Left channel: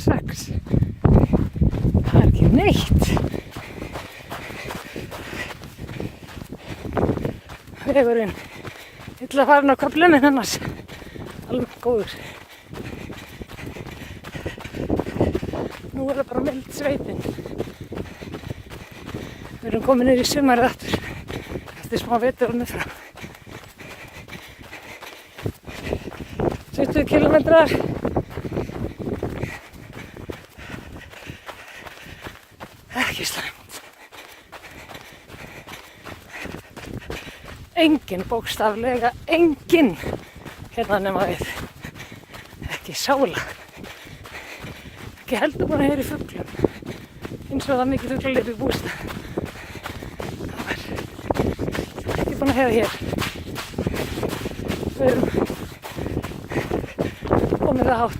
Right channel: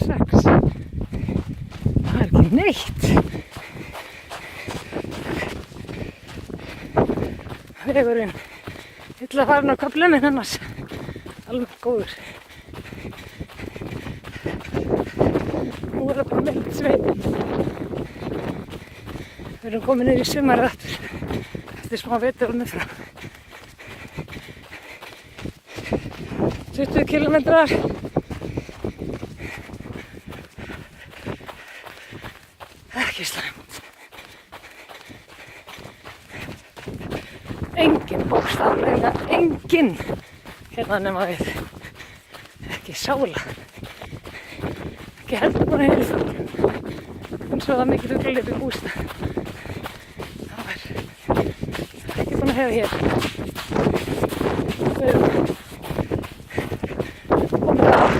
6. Það ekki neitt. Vegurinn illa farin á köflum en annars alveg góður. Nú er það bara mild sveitin. Við erum komin niður í sumarið aftur. Eftir smá vetur og frá. 20 kilometrar. Ekki slæmt. Engin bókstaflega, engin. Hérna nema við. Ekki sála. Ekki heldur búin að heyra í framtíð. Eins og það mikið uglalítið bústað. Það var ekki búin að heyra hér. Við erum komið á